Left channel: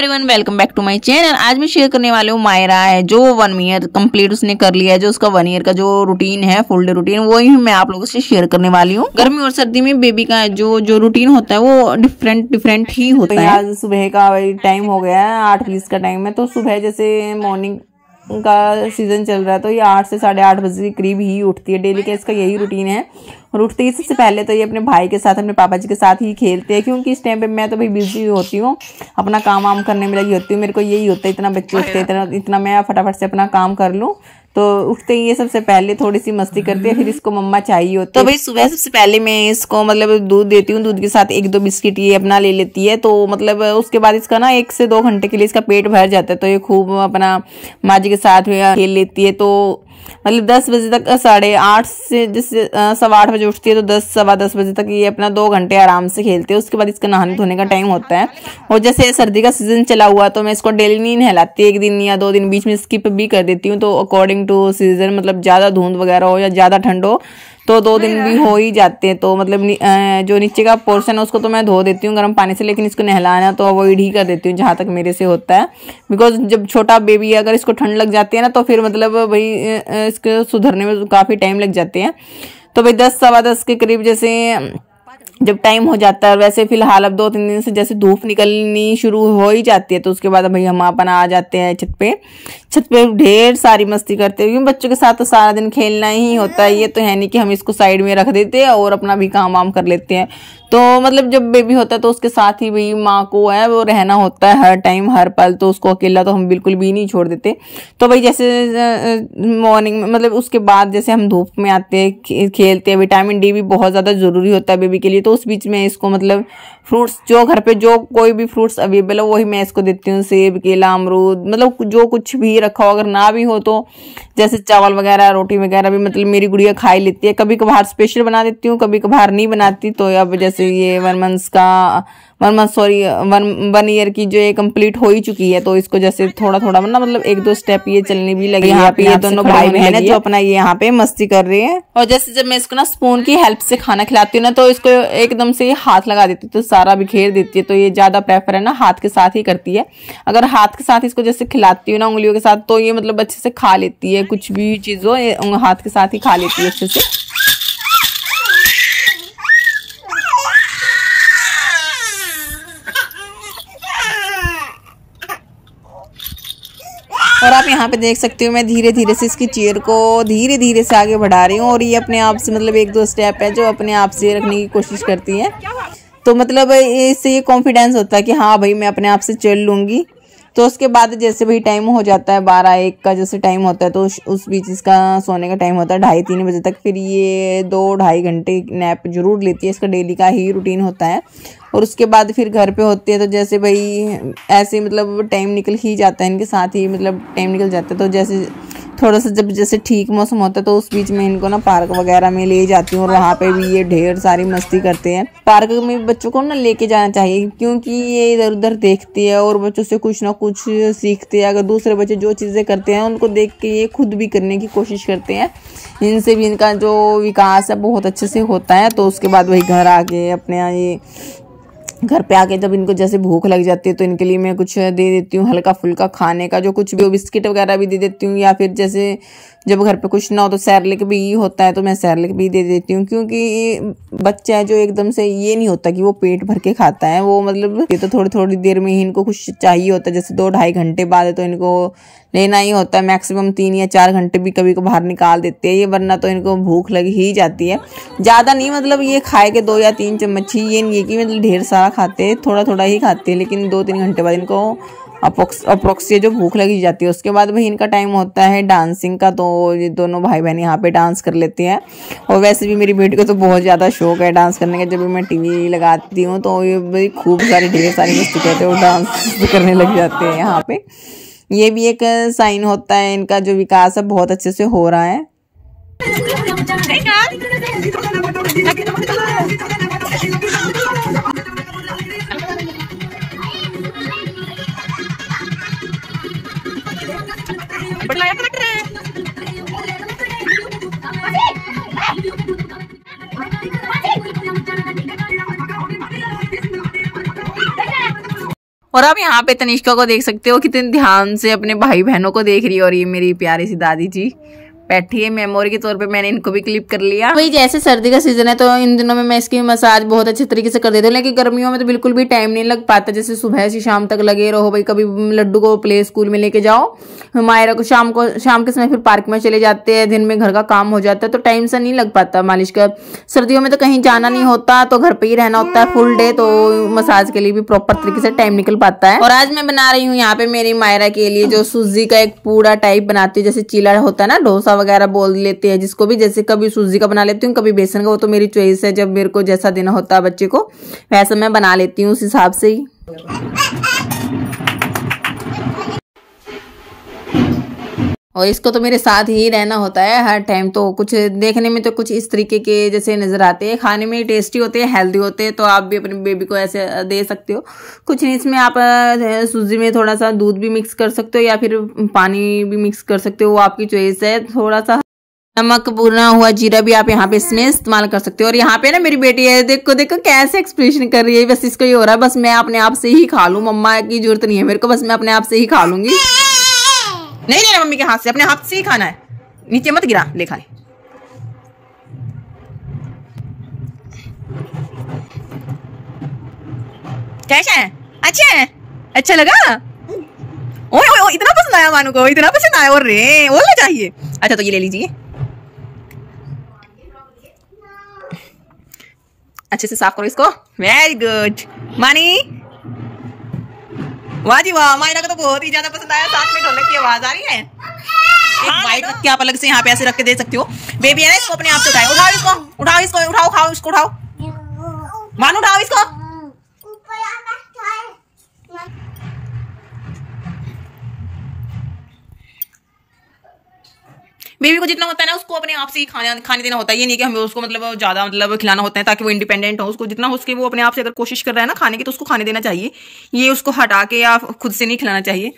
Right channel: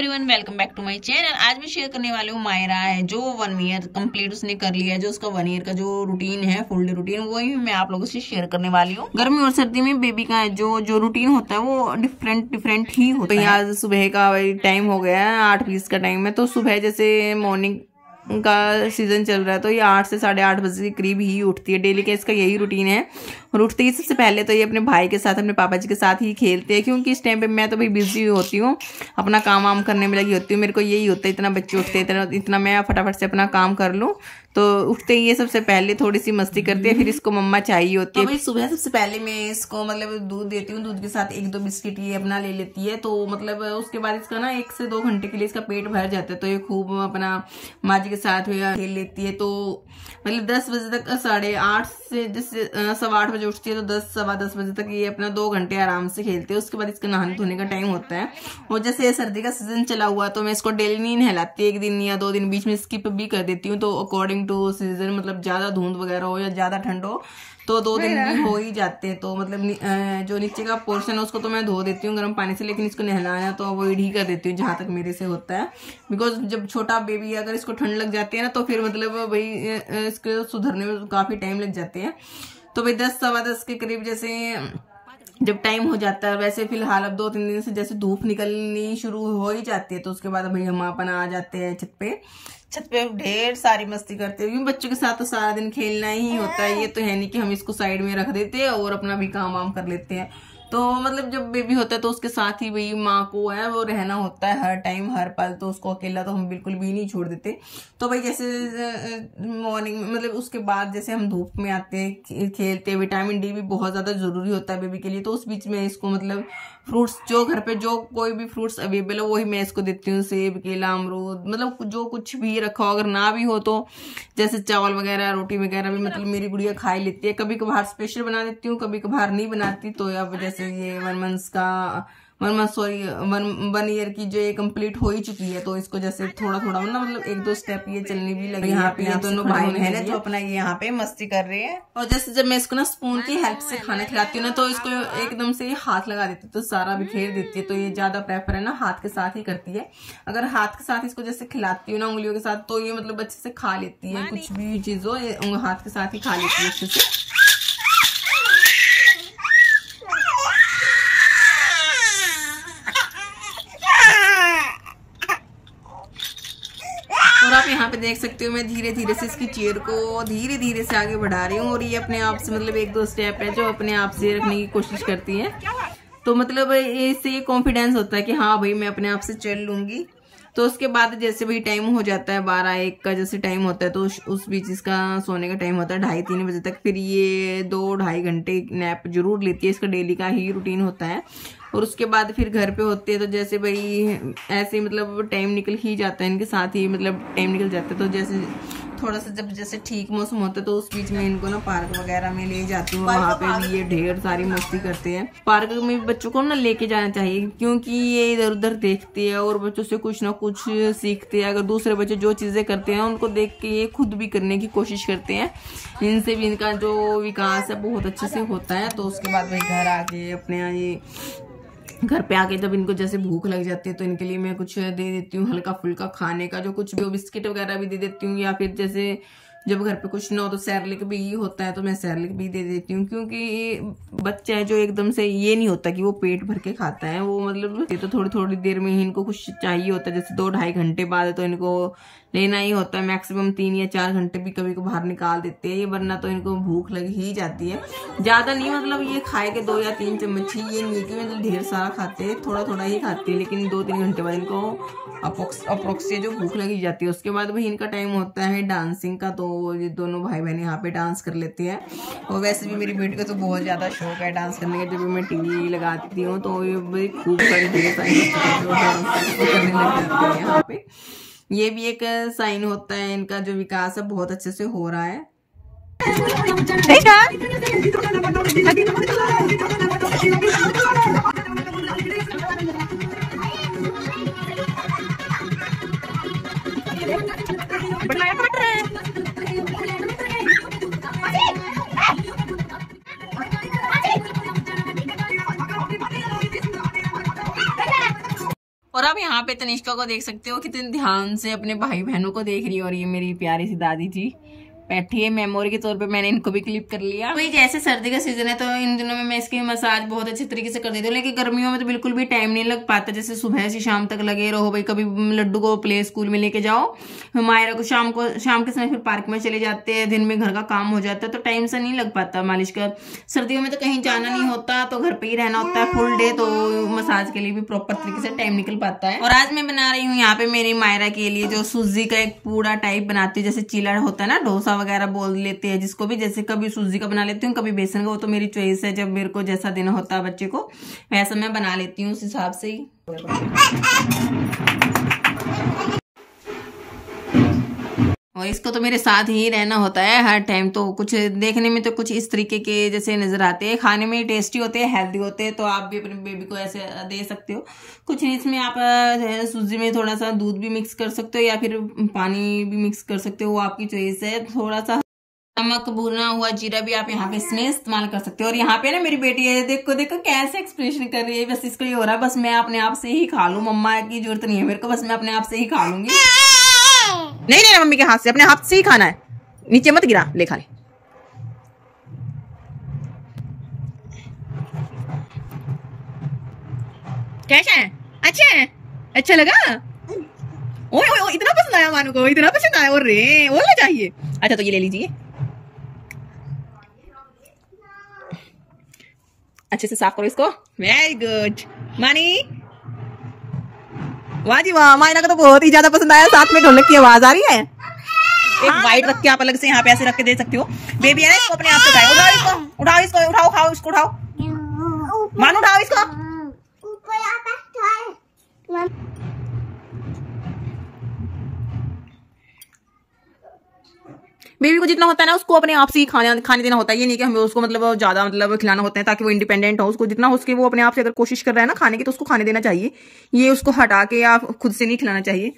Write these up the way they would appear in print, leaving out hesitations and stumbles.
Everyone, welcome back to my channel. आज मैं share करने वाली हूँ मायरा है जो 1 ईयर कंप्लीट उसने कर लिया है। जो उसका 1 ईयर का जो रूटीन है, फुल डे रूटीन, वही मैं आप लोगों से शेयर करने वाली हूँ। गर्मी और सर्दी में बेबी का जो रूटीन होता है वो डिफरेंट ही होता है। आज सुबह का टाइम हो गया है, 8:20 का टाइम है। तो सुबह जैसे मॉर्निंग का सीजन चल रहा है तो ये 8 से 8:30 बजे के करीब ही उठती है। डेली का इसका यही रूटीन है। और उठते ही सबसे पहले तो ये अपने भाई के साथ, अपने पापा जी के साथ ही खेलते हैं, क्योंकि इस टाइम पे मैं तो भाई बिजी होती हूँ, अपना काम वाम करने में लगी होती हूँ। मेरे को यही होता है, इतना बच्चे उठते हैं, इतना मैं फटाफट से अपना काम कर लूँ। तो उठते ही ये सबसे पहले थोड़ी सी मस्ती करती है, फिर इसको मम्मा चाहिए होती है। तो भाई सुबह सबसे पहले मैं इसको मतलब दूध देती हूँ, दूध के साथ 1-2 बिस्किट ये अपना ले लेती है। तो मतलब उसके बाद इसका ना 1 से 2 घंटे के लिए इसका पेट भर जाता है। तो ये खूब अपना माँ जी के साथ खेल लेती है। तो मतलब 10 बजे तक, 8:30 से जैसे 8:15 बजे उठती है तो 10, सवा 10 बजे तक ये अपना 2 घंटे आराम से खेलती है। उसके बाद इसका नहाने धोने का टाइम होता है। और जैसे सर्दी का सीजन चला हुआ तो मैं इसको डेली नहीं नहलाती, 1 दिन या 2 दिन बीच में स्किप भी कर देती हूँ। तो अकॉर्डिंग टू सीजन, मतलब ज़्यादा धुंध वगैरह हो या ज़्यादा ठंड हो तो 2 दिन भी हो ही जाते हैं। तो मतलब जो नीचे का पोर्शन है उसको तो मैं धो देती हूँ गर्म पानी से, लेकिन इसको नहलाना तो अवॉइड ही कर देती हूँ जहाँ तक मेरे से होता है। बिकॉज जब छोटा बेबी है, अगर इसको ठंड लग जाती है ना तो फिर मतलब भाई इसको सुधरने में काफ़ी टाइम लग जाते हैं। तो भाई 10, सवा 10 के करीब जैसे जब टाइम हो जाता है, वैसे फिलहाल अब 2-3 दिन से जैसे धूप निकलनी शुरू हो ही जाती है, तो उसके बाद भाई हम अपना आ जाते हैं छत पे ढेर सारी मस्ती करते हैं। क्योंकि बच्चों के साथ तो सारा दिन खेलना ही होता है। ये तो है नहीं कि हम इसको साइड में रख देते हैं और अपना भी काम वाम कर लेते हैं। तो मतलब जब बेबी होता है तो उसके साथ ही भाई माँ को है वो रहना होता है हर टाइम हर पल। तो उसको अकेला तो हम बिल्कुल भी नहीं छोड़ देते। तो भाई जैसे मॉर्निंग में मतलब उसके बाद जैसे हम धूप में आते हैं, खेलते हैं, विटामिन डी भी बहुत ज़्यादा ज़रूरी होता है बेबी के लिए। तो उस बीच में इसको मतलब फ्रूट्स, जो घर पे जो कोई भी फ्रूट्स अवेलेबल है वही मैं इसको देती हूँ। सेब, केला, अमरूद, मतलब जो कुछ भी रखा हो, अगर ना भी हो तो जैसे चावल वगैरह, रोटी वगैरह भी मतलब मेरी गुड़िया खा ही लेती है। कभी कभार स्पेशल बना देती हूँ, कभी कभार नहीं बनाती। तो अब जैसे ये 1 ईयर की जो ये कंप्लीट हो ही चुकी है, तो इसको जैसे थोड़ा थोड़ा मतलब 1-2 स्टेप ये चलने भी लगी। यहाँ पे ये दोनों भाई बहन है जो अपना ये यहाँ पे मस्ती कर रहे हैं। और जैसे जब मैं इसको ना स्पून की हेल्प से खाना खिलाती हूँ ना तो इसको एकदम से ये हाथ लगा देती है, तो सारा बिखेर देती है। तो ये ज्यादा प्रेफर है ना हाथ के साथ ही करती है। अगर हाथ के साथ इसको जैसे खिलाती हूँ ना उंगलियों के साथ, तो ये मतलब अच्छे से खा लेती है। कुछ भी चीज हो हाथ के साथ ही खा लेती है अच्छे से। और आप यहाँ पे देख सकते हो मैं धीरे धीरे से इसकी चेयर को धीरे धीरे से आगे बढ़ा रही हूँ। और ये अपने आप से मतलब 1-2 स्टेप है जो अपने आप से रखने की कोशिश करती है। तो मतलब इससे ये कॉन्फिडेंस होता है कि हाँ भाई मैं अपने आप से चल लूँगी। तो उसके बाद जैसे भाई टाइम हो जाता है 12-1 का जैसे टाइम होता है, तो उस बीच इसका सोने का टाइम होता है 2:30-3 बजे तक। फिर ये 2-2.5 घंटे नैप जरूर लेती है, इसका डेली का ही रूटीन होता है। और उसके बाद फिर घर पे होती है तो जैसे भाई ऐसे मतलब टाइम निकल ही जाता है, इनके साथ ही मतलब टाइम निकल जाता है। तो जैसे थोड़ा सा जब जैसे ठीक मौसम होता है तो उस बीच में इनको ना पार्क वगैरह में ले जाती हूँ, और वहाँ पे भी ये ढेर सारी मस्ती करते हैं। पार्क में बच्चों को ना लेके जाना चाहिए, क्योंकि ये इधर उधर देखती है और बच्चों से कुछ ना कुछ सीखते हैं। अगर दूसरे बच्चे जो चीज़ें करते हैं उनको देख के ये खुद भी करने की कोशिश करते हैं। इनसे भी इनका जो विकास है बहुत अच्छे से होता है। तो उसके बाद वही घर आके अपने ये घर पे आके जब इनको जैसे भूख लग जाती है तो इनके लिए मैं कुछ दे देती हूँ हल्का फुल्का खाने का, जो कुछ भी बिस्किट वगैरह भी दे देती हूँ। या फिर जैसे जब घर पे कुछ ना हो तो सैरलिक भी होता है तो मैं सैरलिक भी दे देती हूँ। क्योंकि बच्चा है जो एकदम से ये नहीं होता कि वो पेट भर के खाता है, वो मतलब ये तो थोड़ी थोड़ी देर में ही इनको कुछ चाहिए होता है। जैसे 2-2.5 घंटे बाद है तो इनको लेना ही होता है। मैक्सिमम 3 या 4 घंटे भी कभी को बाहर निकाल देते हैं ये, वरना तो इनको भूख लग ही जाती है। ज़्यादा नहीं, मतलब ये खाए के 2 या 3 चम्मच ही, ये नहीं है कि मतलब ढेर सारा खाते हैं, थोड़ा थोड़ा ही खाते हैं। लेकिन 2-3 घंटे बाद इनको अप्रोक्स जो भूख लगी जाती है। उसके बाद भाई इनका टाइम होता है डांसिंग का। तो ये दोनों भाई बहन यहाँ पे डांस कर लेते हैं। और वैसे भी मेरी बेटी को तो बहुत ज़्यादा शौक है डांस करने का। जब भी मैं टीवी लगाती हूँ तो ये भाई खूब सारी ढेर सारी मस्ती करते हैं और डांस भी करने लग जाते हैं यहाँ पे। ये भी एक साइन होता है इनका जो विकास है बहुत अच्छे से हो रहा है। और अब यहाँ पे तनिष्का को देख सकते हो कितने ध्यान से अपने भाई बहनों को देख रही है। और ये मेरी प्यारी सी दादी जी बैठी है, मेमोरी के तौर पे मैंने इनको भी क्लिप कर लिया। वही जैसे सर्दी का सीजन है तो इन दिनों में मैं इसकी मसाज बहुत अच्छे तरीके से कर देती हूँ, लेकिन गर्मियों में तो बिल्कुल भी टाइम नहीं लग पाता। जैसे सुबह से शाम तक लगे रहो भाई, कभी लड्डू को प्ले स्कूल में लेके जाओ, मायरा को शाम के समय फिर पार्क में चले जाते हैं, दिन में घर का काम हो जाता है तो टाइम से नहीं लग पाता मालिश का। सर्दियों में तो कहीं जाना नहीं होता तो घर पे ही रहना होता है फुल डे, तो मसाज के लिए भी प्रॉपर तरीके से टाइम निकल पाता है। और आज मैं बना रही हूँ यहाँ पे मेरी मायरा के लिए जो सूजी का एक पूरा टाइप बनाती हूँ, जैसे चीला होता है ना, डोसा वगैरह बोल लेते हैं जिसको भी, जैसे कभी सूजी का बना लेती हूँ कभी बेसन का, वो तो मेरी चॉइस है, जब मेरे को जैसा देना होता है बच्चे को वैसा मैं बना लेती हूँ उस हिसाब से ही। और इसको तो मेरे साथ ही रहना होता है हर टाइम। तो कुछ देखने में तो कुछ इस तरीके के जैसे नजर आते हैं, खाने में टेस्टी होते हैं, हेल्दी होते हैं, तो आप भी अपने बेबी को ऐसे दे सकते हो। कुछ नहीं, इसमें आप सूजी में थोड़ा सा दूध भी मिक्स कर सकते हो या फिर पानी भी मिक्स कर सकते हो, वो आपकी चॉइस है। थोड़ा सा नमक, भुना हुआ जीरा भी आप यहाँ पे इसमें इस्तेमाल कर सकते हो। और यहाँ पे ना मेरी बेटी है, देखो देखो कैसे एक्सप्रेशन कर रही है, बस इसको ये हो रहा है बस मैं अपने आप से ही खा लूं, मम्मा की जरूरत नहीं है मेरे को, बस मैं अपने आप से ही खा लूंगी। नहीं लेना मम्मी के हाथ से, अपने हाथ से ही खाना है, नीचे मत गिरा, ले खा ले। कैसा है? अच्छा है? अच्छा लगा? ओए ओए ओए, इतना पसंद आया मानू को, इतना पसंद आया। और रे और ले चाहिए? अच्छा तो ये ले लीजिए, अच्छे से साफ करो इसको। वेरी गुड मानी, वाह जी वाह, मायना को तो बहुत ही ज्यादा पसंद आया। साथ में ढोलक की आवाज आ रही है। एक वाइट रख के आप अलग से यहाँ पे ऐसे रख के दे सकते हो। बेबी है ना, इसको अपने आप से उठाओ, उठाओ इसको, उठाओ इसको, उठाओ, खाओ इसको, उठाओ मानो, उठाओ इसको। बेबी को जितना होता है ना उसको अपने आप से ही खाने देना होता है। ये नहीं कि हमें उसको मतलब ज्यादा मतलब खिलाना होता है ताकि वो इंडिपेंडेंट हो। उसको जितना हो सके वो अपने आप से अगर कोशिश कर रहा है ना खाने की तो उसको खाने देना चाहिए। ये उसको हटा के या खुद से नहीं खिलाना चाहिए,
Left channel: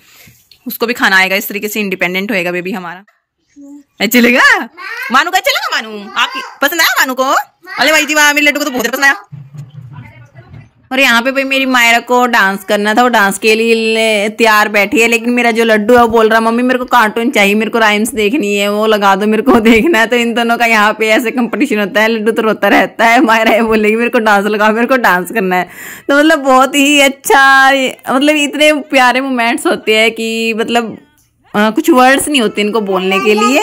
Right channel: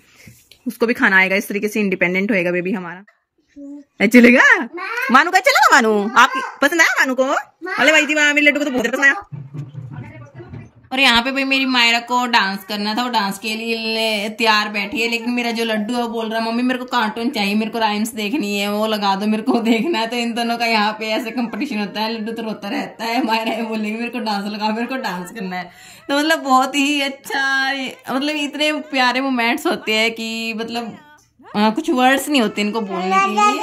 उसको भी खाना आएगा। इस तरीके से इंडिपेंडेंट होएगा बेबी हमारा। चलेगा मानू का? चलेगा मानू? आपकी पसंद आया मानू को? अरे भाई जी वाह, मेरे लड्डू को तो बहुत पसंद आया। और यहाँ पे भाई मेरी मायरा को डांस करना था, वो डांस के लिए तैयार बैठी है, लेकिन मेरा जो लड्डू है वो बोल रहा मम्मी मेरे को कार्टून चाहिए, मेरे को राइम्स देखनी है, वो लगा दो, मेरे को देखना है। तो इन दोनों का यहाँ पे ऐसे कंपटीशन होता है। लड्डू तो रोता रहता है, मायरा ये बोलेगी मेरे को डांस लगाओ, मेरे को डांस करना है। तो मतलब बहुत ही अच्छा, मतलब इतने प्यारे मोमेंट्स होते हैं कि मतलब कुछ वर्ड्स नहीं होते इनको बोलने के लिए।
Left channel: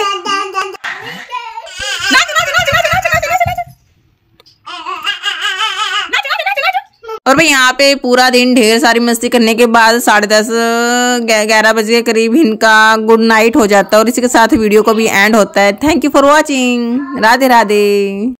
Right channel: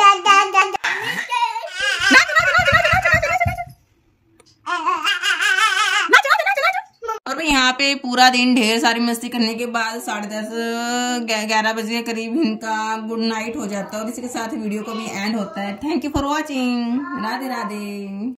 और भाई यहाँ पे पूरा दिन ढेर सारी मस्ती करने के बाद 10:30-11 बजे के करीब इनका गुड नाइट हो जाता है और इसी के साथ वीडियो को भी एंड होता है। Thank you for watching. Radhe Radhe.